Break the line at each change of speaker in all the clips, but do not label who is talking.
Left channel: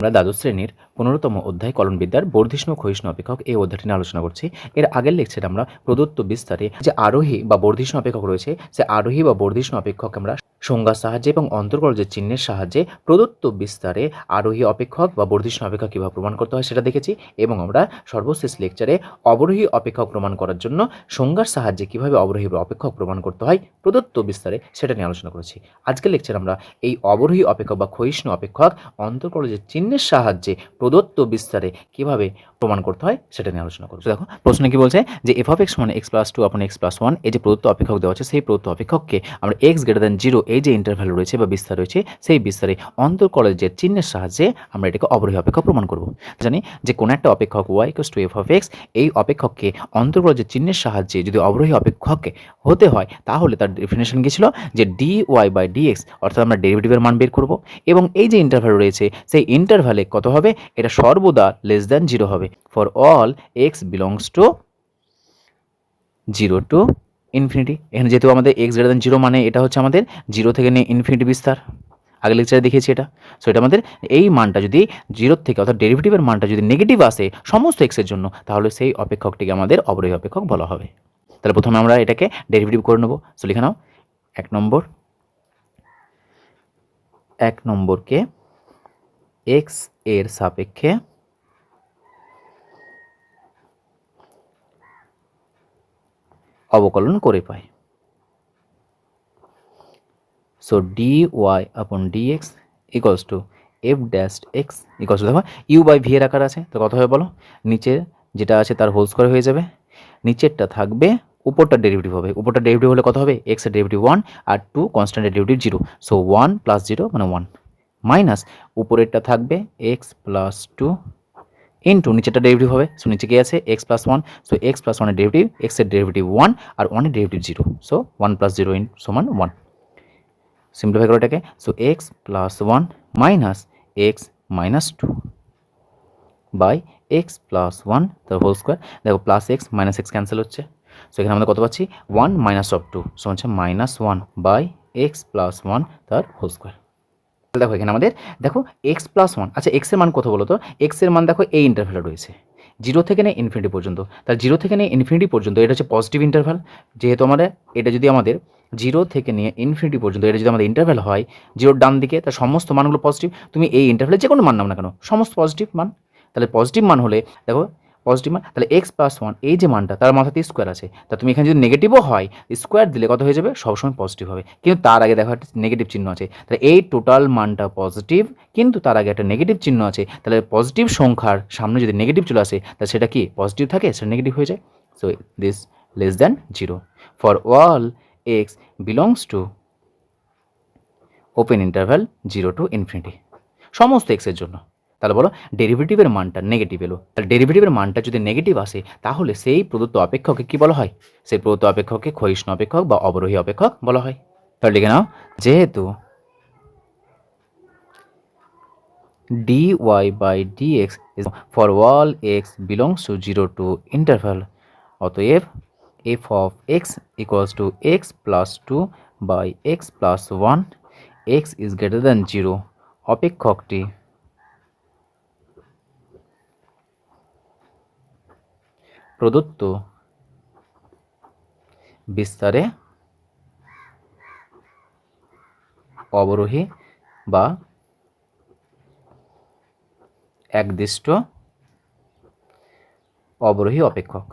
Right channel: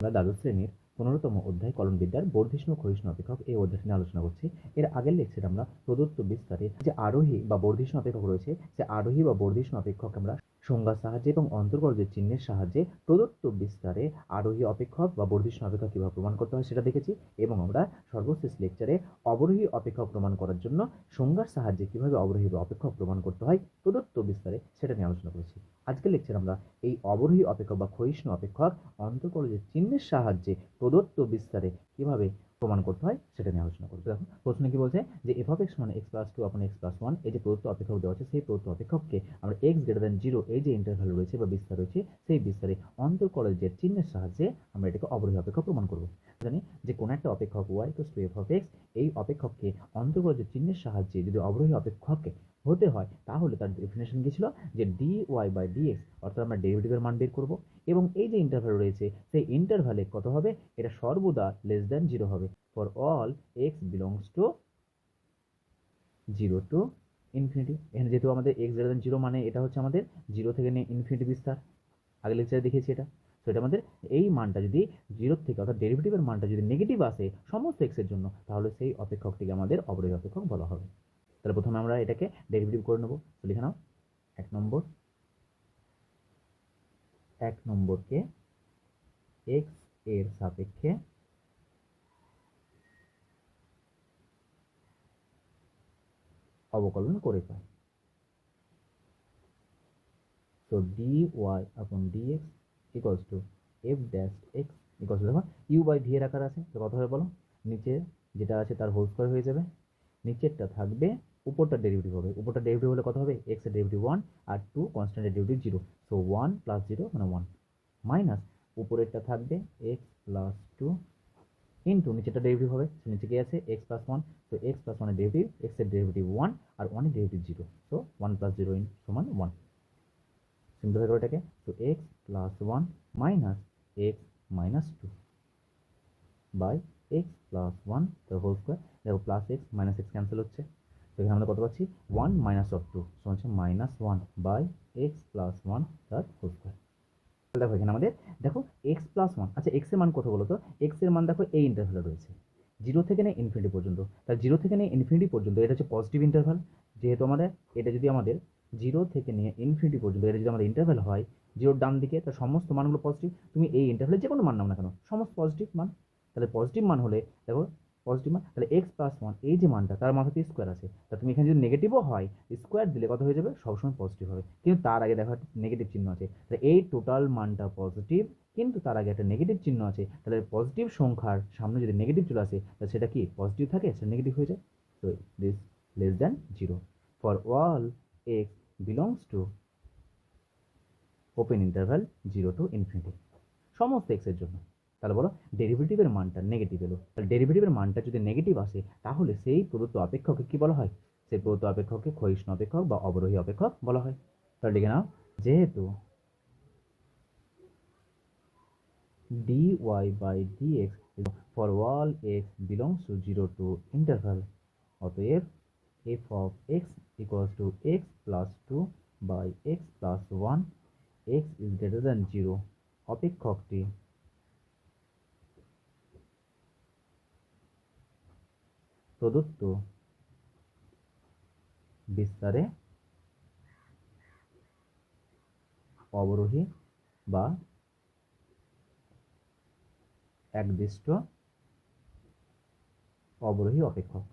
আমরা দ্বাদশ শ্রেণির পনেরোতম অধ্যায় কলনবিদ্যার বর্ধিষ্ণু ক্ষয়িষ্ণু অপেক্ষক এই অধ্যায়টি নিয়ে আলোচনা করছি। এর আগের লেকচারে আমরা প্রদত্ত বিস্তারে যে আরোহী বা বর্ধিষ্ণু অপেক্ষক রয়েছে, সে আরোহী বা বর্ধিষ্ণু অপেক্ষক আমরা সংজ্ঞার সাহায্যে এবং অন্তর্গলজের চিহ্নের সাহায্যে প্রদত্ত বিস্তারে আরোহী অপেক্ষক বা বর্ধিষ্ণু অপেক্ষক কীভাবে প্রমাণ করতে হয় সেটা দেখেছি এবং আমরা সর্বশেষ লেকচারে অবরোহী অপেক্ষক প্রমাণ করার জন্য সংজ্ঞার সাহায্যে কীভাবে অবরোহী অপেক্ষক প্রমাণ করতে হয় প্রদত্ত বিস্তারে সেটা নিয়ে আলোচনা করেছি। আজকের লেকচারে আমরা এই অবরোহী অপেক্ষক বা ক্ষয়িষ্ণু অপেক্ষক অন্তর্কলজের চিহ্নের সাহায্যে প্রদত্ত বিস্তারে কীভাবে প্রমাণ করতে হয় সেটা নিয়ে আলোচনা করব। দেখো, প্রশ্নে কি বলছে যে এফ অফ এক্স মানে x plus two upon x plus one এই যে প্রদত্ত অপেক্ষক দেওয়া আছে, সেই প্রদত্ত অপেক্ষককে আমরা এক্স গ্রেটার দেন জিরো এই যে ইন্টারভ্যাল রয়েছে বা বিস্তার রয়েছে, সেই বিস্তারে অন্তর্কলজের চিহ্নের সাহায্যে আমরা এটাকে অবরোহী অপেক্ষক প্রমাণ করব। জানি যে কোনো একটা অপেক্ষক y equals to f of x এই অপেক্ষককে অন্তর্কলজের চিহ্নের সাহায্যে যদি অবরোহী অপেক্ষককে হতে হয়, তাহলে তার ডেফিনেশন কী ছিল? যে d y by d x অর্থাৎ আমরা ডেরিভেটিভের মান বের করব এবং এই যে ইন্টারভ্যাল রয়েছে, সেই ইন্টারভ্যালে কত হবে? এটা সর্বদা লেস দ্যান জিরো হবে। For all x belongs to zero to infinity এখানে যেহেতু আমাদের এক্স গ্রেটার দেন জিরো মানে এটা হচ্ছে আমাদের জিরো থেকে নিয়ে ইনফিনিটি বিস্তার। আগে লেকচারে দেখিয়েছি এটা। সো এটা আমাদের এই মানটা যদি জিরোর থেকে অর্থাৎ ডেরিভেটিভের মানটা যদি নেগেটিভ আসে সমস্ত এক্সের জন্য, তাহলে সেই অপেক্ষকটিকে আমাদের অবরোহী অপেক্ষক বলা হবে। তাহলে প্রথমে আমরা এটাকে ডেরিভেটিভ করে নেব। সো লিখে নাও। এক নম্বর। এক নম্বরকে এক্সের সাপেক্ষে অবকলন করে পাই। So d y upon d x equals to f dash x equals দেখো ইউ বাই ভি এর আকার আছে, তো কত হবে বলো নিচে যেটা আছে তার হোল স্কোয়ার হয়ে যাবে, নিচেরটা থাকবে, উপরটা ডেরিভেটিভ হবে, উপরটা ডেরিভেটিভ হলে কত হবে এক্সের ডেরিভেটিভ ওয়ান আর two কনস্ট্যান্টের derivative zero so one plus zero মানে ওয়ান মাইনাস উপরেরটা থাকবে এক্স প্লাস টু ইন্টু নিচেরটা ডেরিভেটিভ হবে। সো নিচে কি আছে? X plus one so x plus ওয়ানের ডেরিভেটিভ এক্সের ডেরিভেটিভ ওয়ান আর ওয়ানের derivative zero so one plus zero in সমান ওয়ান সিম্পলিফাই করো এটাকে। So x plus one minus x minus two by x plus one তার হোল স্কোয়ার দেখো plus x minus x cancel হচ্ছে। So এখানে আমরা কত পাচ্ছি? One minus of two so হচ্ছে minus one by x plus one তার whole square দেখো এখানে আমাদের, দেখো এক্স প্লাস ওয়ান আচ্ছা এক্সের মান কত বলো তো এক্সের মান দেখো এই ইন্টারভ্যালে রয়েছে। জিরো থেকে নেই ইনফিনিটি পর্যন্ত। তার জিরো থেকে নিয়ে ইনফিনিটি পর্যন্ত, এটা হচ্ছে পজিটিভ ইন্টারভ্যাল যেহেতু আমাদের, এটা যদি আমাদের জিরো থেকে নিয়ে ইনফিনিটি পর্যন্ত, এটা যদি আমাদের ইন্টারভ্যাল হয় জিরোর ডান দিকে তার সমস্ত মানগুলো পজিটিভ তুমি এই ইন্টারভ্যালে যে কোনো মান নাও না কেন, সমস্ত পজিটিভ মান। তাহলে পজিটিভ মান হলে, দেখো পজিটিভ মান, তাহলে এক্স প্লাস ওয়ান এই যে মানটা, তার মাথাতে স্কোয়ার আছে। তা তুমি এখানে যদি নেগেটিভও হয় স্কোয়ার দিলে কত হয়ে যাবে? সবসময় পজিটিভ হবে। কিন্তু তার আগে দেখো একটা নেগেটিভ চিহ্ন আছে। তাহলে এই টোটাল মানটা পজিটিভ কিন্তু তার আগে একটা নেগেটিভ চিহ্ন আছে। তাহলে পজিটিভ সংখ্যার সামনে যদি নেগেটিভ চলে আসে, তাহলে সেটা কি? পজিটিভ থাকে, সেটা নেগেটিভ হয়ে যায়। So this less than zero for all x belongs to open interval zero to infinity সমস্ত এক্সের জন্য। তাহলে বলো ডেরিভেটিভের মানটা নেগেটিভ এলো। তাহলে ডেরিভেটিভের মানটা যদি নেগেটিভ আসে, তাহলে সেই প্রদত্ত অপেক্ষককে কি বলা হয়? সেই প্রদত্ত অপেক্ষককে ক্ষয়িষ্ণু অপেক্ষক বা অবরোহী অপেক্ষক বলা হয়। তাহলে লিখে নাও, যেহেতু d dy by dx is for all x belongs to 0 to interval, অতএব f of x equals to x plus 2 by x plus 1 x is greater than 0 অপেক্ষকটি প্রদত্ত বিস্তারে অবরোহী বা একদিষ্ট অবরোহী অপেক্ষক।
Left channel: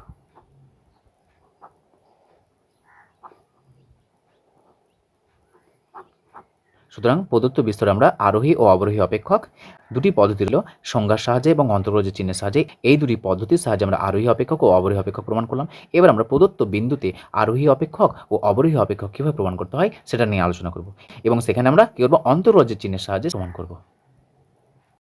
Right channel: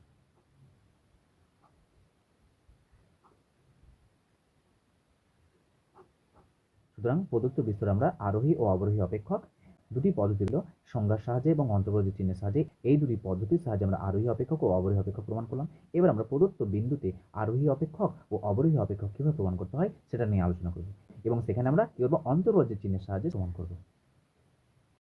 সুতরাং প্রদত্ত বিস্তরে আমরা আরোহী ও অবরোহী অপেক্ষক দুটি পদ্ধতি হল সংজ্ঞার সাহায্যে এবং অন্তর্গত চিহ্নের সাহায্যে। এই দুটি পদ্ধতির সাহায্যে আমরা আরোহী অপেক্ষক ও অবরোহী অপেক্ষক প্রমাণ করলাম। এবার আমরা প্রদত্ত বিন্দুতে আরোহী অপেক্ষক ও অবরোহী অপেক্ষক কীভাবে প্রমাণ করতে হয় সেটা নিয়ে আলোচনা করব। এবং সেখানে আমরা কী করব? অন্তর্রাজ্যের চিহ্নের সাহায্যে প্রমাণ করব।